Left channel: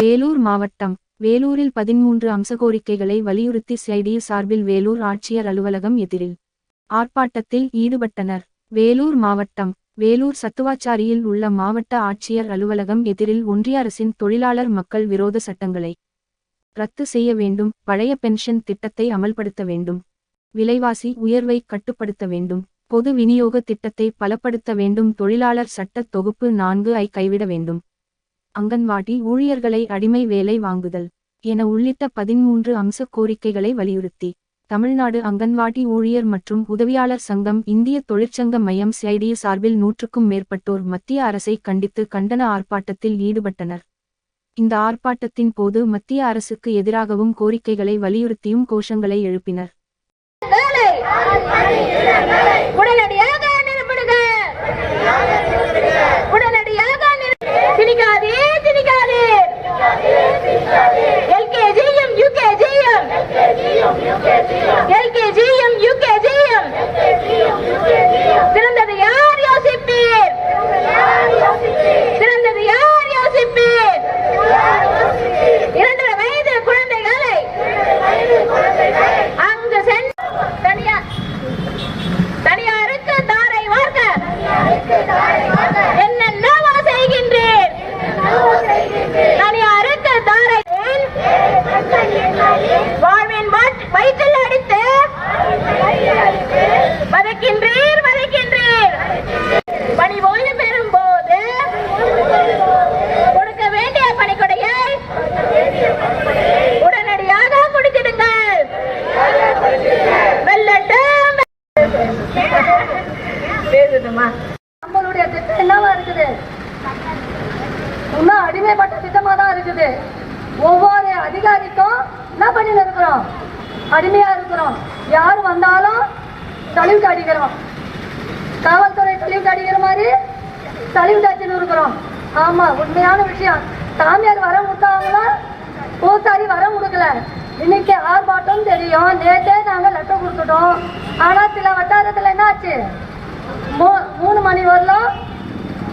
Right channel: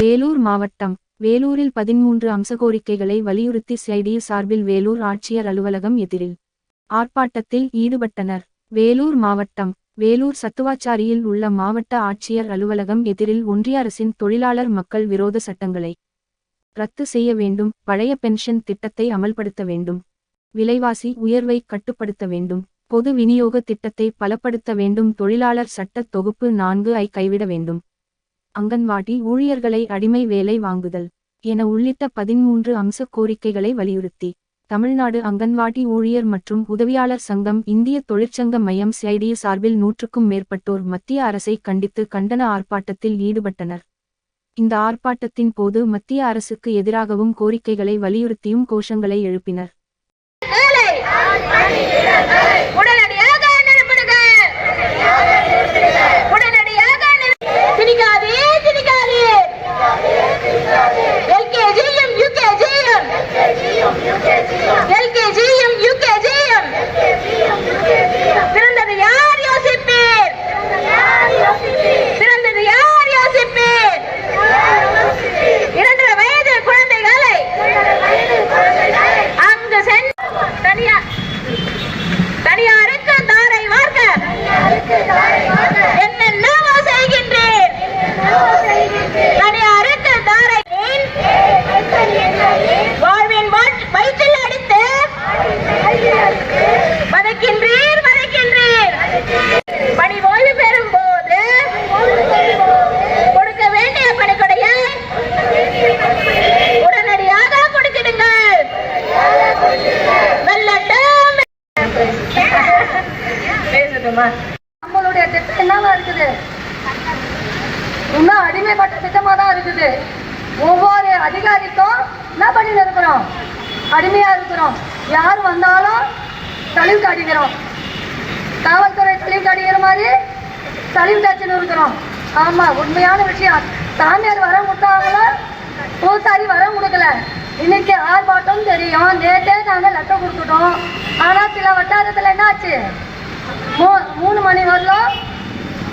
வேலூர் மாவட்டம் வேலூரில் பதிமூன்று அம்ச கோரிக்கைகளை வலியுறுத்தி சிஐடியு சார்பில் வேலூர் ஆட்சியர் அலுவலகம் எதிரில் ஆர்ப்பாட்டத்தில் ஈடுபட்டனர். வேலூர் மாவட்டம் வேலூர் சத்துவாச்சாரியில் உள்ள மாவட்ட ஆட்சியர் அலுவலகம் எதிரில் ஒன்றிய அரசின் தொழிலாளர் மக்கள் விரோத சட்டங்களை ரத்து செய்ய வேண்டும் பழைய பென்ஷன் திட்டத்தை அமல்படுத்த வேண்டும் விலைவாசி உயர்வை கட்டுப்படுத்த வேண்டும் பொது விநியோக திட்டத்தை பலப்படுத்த வேண்டும் தொழிலாளர் சட்ட தொகுப்பு நான்கு ஐ கைவிட வேண்டும். அங்கன்வாடி ஊழியர்களை அடிமை வேலை வாங்குதல் என உள்ளிட்ட பதிமூன்று அம்ச கோரிக்கைகளை வலியுறுத்தி தமிழ்நாடு அங்கன்வாடி ஊழியர் மற்றும் உதவியாளர் சங்கம் இந்திய தொழிற்சங்க மையம் சிஐடியு சார்பில் நூற்றுக்கும் மேற்பட்டோர் மத்திய அரசை கண்டித்து கண்டன ஆர்ப்பாட்டத்தில் ஈடுபட்டனர். இந்த ஆர்ப்பாட்டத்தின் போது மத்திய அரசுக்கு எதிராகவும் கோரிக்கைகளை வலியுறுத்தியும் கோஷங்களை எழுப்பினர். பேசணுமா நம்மளுடைய திட்டம் என்னவா இருக்குது? இன்னும் அடிமைப்பட்ட திட்டமா தான் இருக்குது. ஒவ்வொரு அதிகாரிக்கும் என்ன பண்ணிட்டு இருக்கிறோம்? அடிமையா இருக்கிறோம். யார் வந்தாலும் தழிவு காட்டிக்கிறோம். காவல்துறை தழிவு காட்டிக்கிற மாதிரி தழிவு காட்சின்னு இருக்கிறோம். ஆமா உண்மையான விஷயம். சாமியார் வர கொடுத்தாங்களா? பூசாரி வர கொடுக்கல. இன்னைக்கு ஆர்ப்பாட்டம் தெரியும். நேற்றே நாங்கள் லெட்டர் கொடுத்துட்டோம். ஆனால் சில வட்டாரத்தில் என்ன ஆச்சு மூணு மணி வரலாம்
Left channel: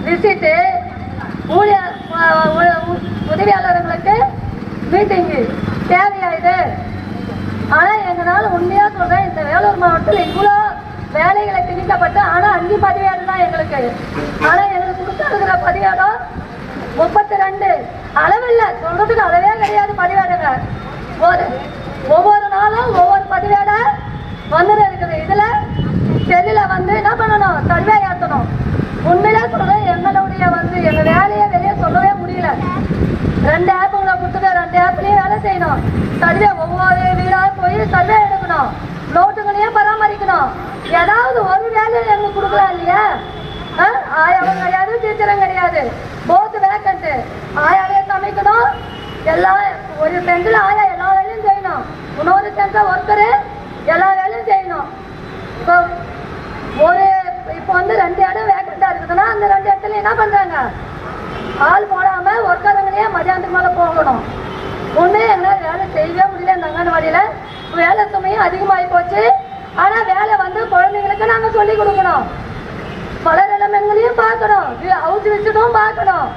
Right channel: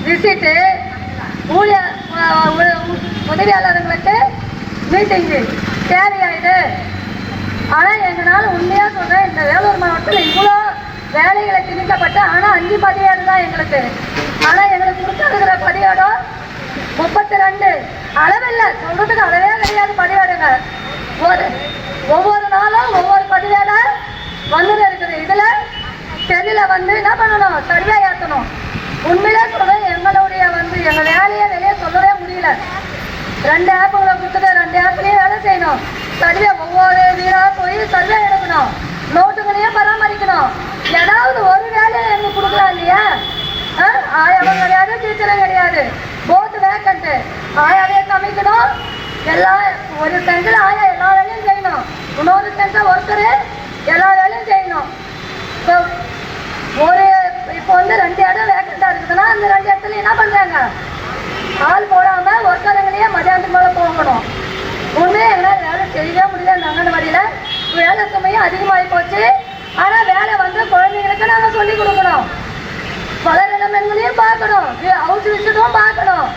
விசிட்டு. ஊழியர் உதவியாளர்களுக்கு மீட்டிங்கு தேவையாயிடு ஆனால் எங்களால் உண்மையாக சொல்கிறேன் இந்த வேலூர் மாவட்டத்தில் இவ்வளோ வேலைகளை திணிக்கப்பட்டு ஆனால் அஞ்சு பதிவேடு தான் எங்களுக்கு. ஆனால் எங்களுக்கு கொடுத்துருக்கிற பதிவேடம் முப்பத்தி ரெண்டு. அளவில்லை. சொல்கிறதுக்கு அளவே கிடையாது பதிவேடுங்க ஒரு ஒவ்வொரு நாளும் ஒவ்வொரு பதிவேடை வந்துட்டு இருக்குது இதில் செல்லில் வந்து என்ன பண்ணணும்? சரியா ஏற்றணும் உண்மையிலே சொல்கிறேன் எங்களுடைய வந்து எங்கள் வேலையை வெளியே சொல்லவே முடியல. ரெண்டு ஆப்புகளை கொடுத்துட்டு ரெண்டு ஆப்லயும் வேலை செய்யணும். சர்வே ஒவ்வொரு வீடாக போய் சர்வே எடுக்கணும். நோட்டுகளையும் பராமரிக்கணும். ஏதாவது ஒரு வேலையை எங்களுக்கு கொடுக்கலாம் இல்லையா? ஆ? ஆயாவும் கிடையாது டீச்சரும் கிடையாது. போத்து வேக்கண்ட்டு ஆயாவே சமைக்கணும். எல்லா ஒரு செஞ்சில் ஆயா எல்லா வேலையும் செய்யணும். இன்னொரு சென்டில் ஒருத்தர் எல்லா வேலையும் செய்யணும். ஒரு இப்போ வந்து ரெண்டு இடம் வேக்கண்டா இருக்குதுன்னா அந்த ரெண்டு இடத்துல என்ன பண்றாங்க? ஆள் போடாம ஒருத்தரங்களையே மதியானத்துக்கு மேலே போகணும். உண்மையே எங்களால் வேலை செய்யவே முடியல இந்த அங்கன்வாடியில். வேலை சுமையும் அதிகமாகி போச்சு. ஆனால் வேலை வந்து குழந்தைங்களுக்கு நாங்கள் சொல்லி கொடுக்கணும். பல நிலைமைகளையும் பார்க்கணும். ஹவுஸ் விசிட்டும் பார்க்கணும்.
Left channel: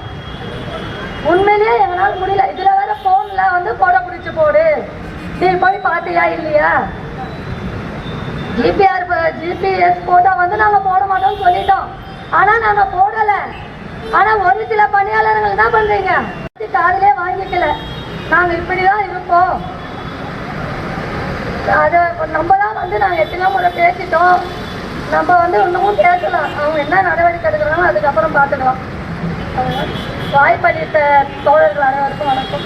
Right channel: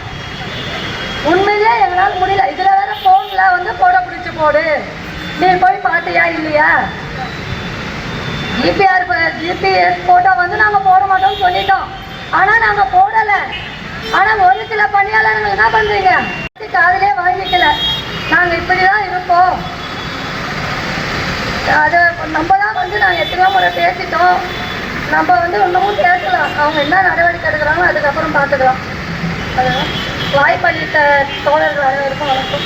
உண்மையிலேயே எங்களால் முடியல. இதில் வேற ஃபோனில் வந்து போட பிடிச்சி போடு. நீ போய் பார்த்தியா இல்லையா? ஜிபிஆர் ஜிபிஎஸ் போட்டோ வந்து நாங்கள் போட மாட்டோம்னு சொல்லிட்டோம். ஆனால் நாங்கள் போடலை. ஆனால் ஒரு சில பணியாளர்கள் என்ன பண்ணுறீங்க காதலே வாங்கிக்கல. நாங்கள் இப்படி தான் இருப்போம். அதை நம்ம தான் வந்து நாங்கள் எத்தனையோ முறை பேசிட்டோம். நம்ம வந்து இன்னமும் பேசலாம் அவங்க என்ன நடவடிக்கை எடுக்கிறாங்களோ அதுக்கப்புறம் பார்த்துக்கலாம். வாய்ப்பளித்த தோழர்கள் அனைவருக்கும் வணக்கம்.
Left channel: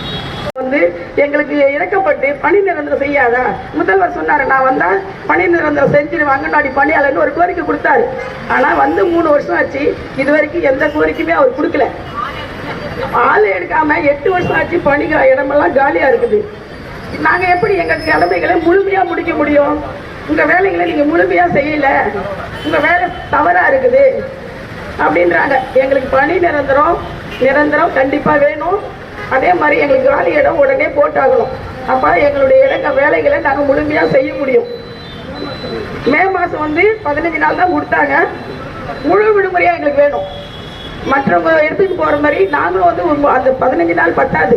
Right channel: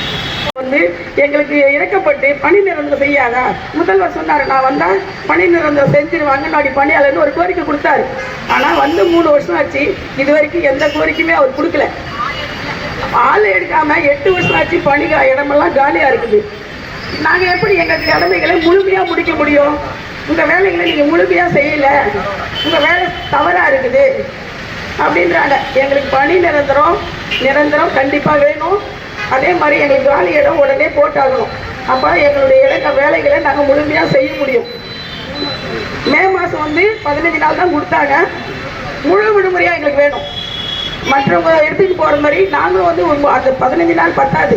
வந்து எங்களுக்கு இறக்கப்பட்டு பணி நிரந்தரம் செய்யாதா? முதல்வர் சொன்னாரு நான் வந்தால் பணி நிரந்தரம் செஞ்சிருவேன். அங்கன்வாடி பணியாளர்னு ஒரு கோரிக்கை கொடுத்தாரு. ஆனால் வந்து மூணு வருஷம் ஆச்சு. இது வரைக்கும் எந்த கோரிக்கையுமே அவர் கொடுக்கல. ஆள் எடுக்காம எட்டு வருஷம் ஆச்சு பணி இடமெல்லாம் காலியாக இருக்குது. நாங்கள் எப்படி எங்கள் கடமைகளை முழுமையா முடிக்க முடியும்? உங்கள் வேலைகளை நீங்கள் முழுமையா செய்யல. உங்கள் வேலை தவறாக இருக்குது. அப்படின்றாங்க. எங்களுக்கு பணி நிரந்தரம் நிரந்தரம் கண்டிப்பாக வேணும். அதே மாதிரி எங்களுக்கு காலி இடம் உடனே போட்டாகணும். அப்போ எங்களுடைய இடங்க வேலைகளை நாங்கள் முழுமையாக செய்ய முடியும். மே மாதம் வந்து பதினஞ்சு நாள் தான் கொடுத்தாங்க. முழு விடுமுறையாக எங்களுக்கு வேணும். மற்றவங்க எடுத்துகிட்டு போகிற மாதிரி நானும் வந்து ஒரு அந்த பதினஞ்சு நாள் பத்தாது.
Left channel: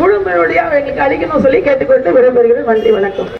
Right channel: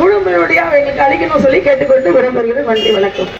முழு முழுமையாக எங்களுக்கு அளிக்கணும்னு சொல்லி கேட்டுக்கொண்டு விரும்புகிறேன். நன்றி வணக்கம்.